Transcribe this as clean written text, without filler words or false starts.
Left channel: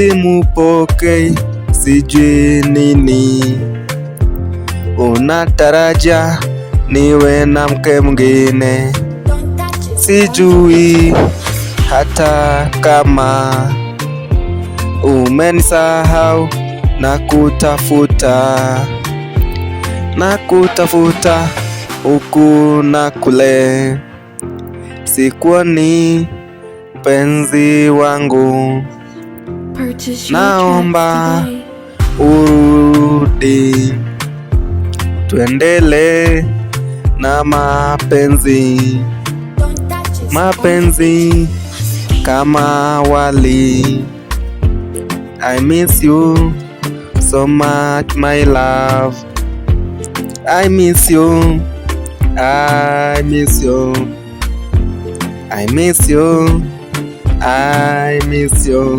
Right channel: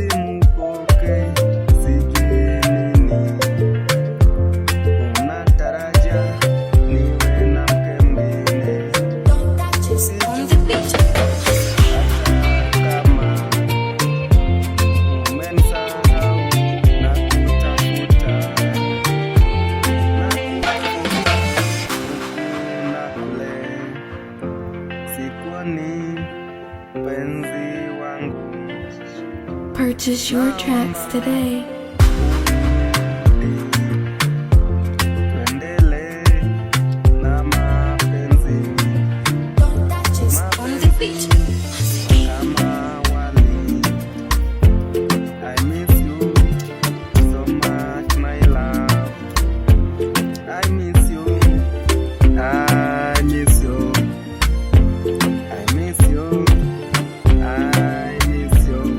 simupokei, sijui nini unataraja niwe na mke mwingine. Sijui hata kama umenisahau, na kutafuta huku na kule, sikuoni penzi wangu. Naomba urudi, tuendele na mapenzi kama awali. I miss you so much my love, I miss you, I miss you, I miss you, I miss you.